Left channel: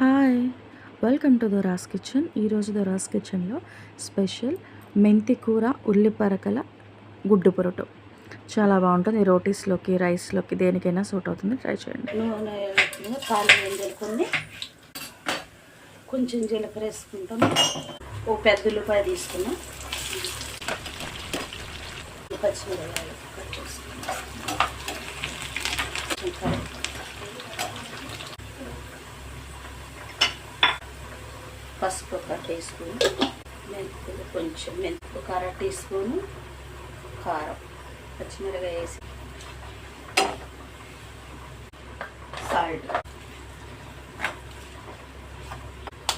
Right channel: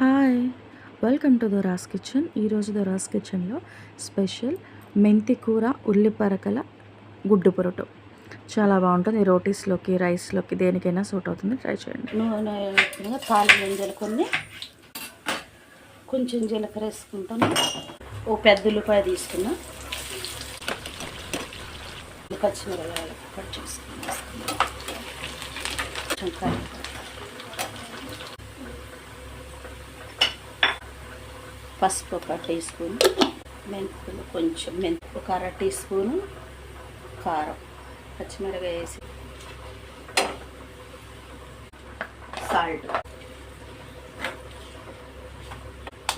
Hi, welcome to Dora's kitchen. ఈరోజు Dora's కిచెన్లో special మెంతి కూర ఉల్లిపరకల గుడ్డు పొరటు చాలా బాగుంటుంది. రోటీస్లోకి, రైస్లోకి, దేనికైనా సూట్ అవుతుంది. ట్రై చేయండి. నూనె కాలు గింజలు కొంచెం జీలకర్ర వేసుకుంటాను. ఓ పెద్ద ఉల్లిపాయ తీసుకున్నా, పచ్చిమిరపకాయలు కట్ చేసుకున్నా, పసుపు ఒక టీ స్పూన్, మెంతులు కొంచెం, ఒక అర టీ స్పూను కారం, పచ్చిమిరపకాయ వేసి, సాల్ట్,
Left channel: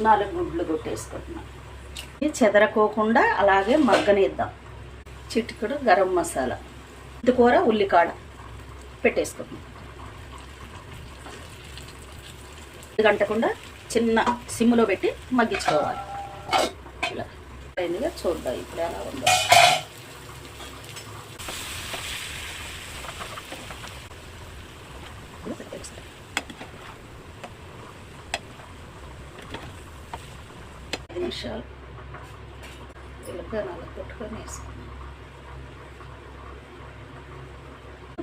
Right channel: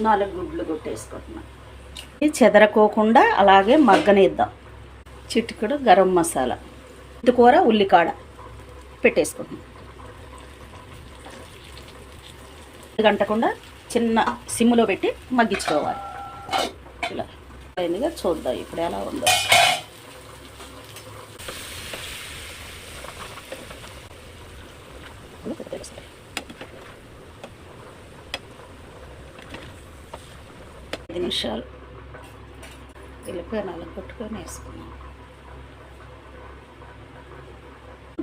4 గుడ్లు కొట్టేసుకుంటున్నాం. ఇది చెదరకోకుండా అలాగే మగ్గనిద్దాం. చిటికెడు గరం మసాలా, ఇది కూర ఉల్లికాడ పెట్టేసుకుంటున్నాం. గంటకుండా చిన్న సిమ్లో పెట్టి మగ్గించుకోవాలి. ఇలా అయిందిగా చూద్దాం ఇప్పుడు ఎలా ఉందో. నిమిషాలు ఉల్లిపాయలు కొట్టుకొని వేసుకున్నాం.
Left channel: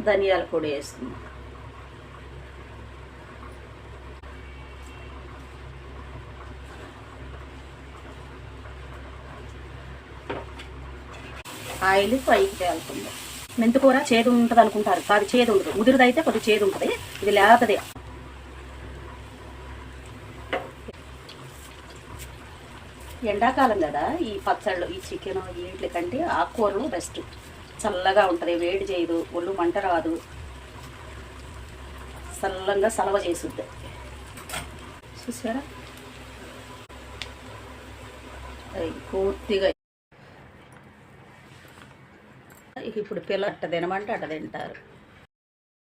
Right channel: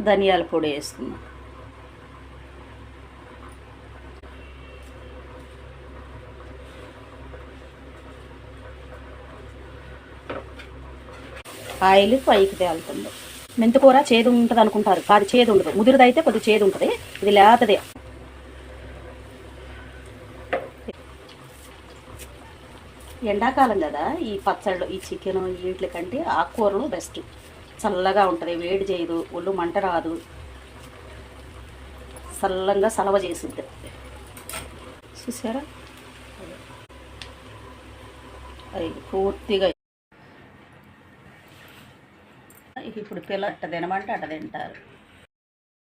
ధనియాల పొడి వేసుకున్నాం. ఆయిల్ పైకి తేలుతుంది. మెంతికూర చేదు ఉంటుంది అనుకుంటారు, కాదు, చేదు ఉండదు. ముదురుదైతే కొద్దిగా చేదు ఉంటుంది, ఇది లేతదే. ఎండాకాలం కదా, ఈ పచ్చళ్ళు, ఈ చికెన్, వీటి కంటే ఆకుకూరలు బెస్ట్. చల్లగా ఉంటుంది, వేడి చేయదు, ఒళ్ళు మంట రాదు, చల్లంగా సలవ చేసుద్ది. చూసారా, అది పూర్తిగా. ఇప్పుడు పిల్ల అట్ట తినమంటే అట్ట తింటారు.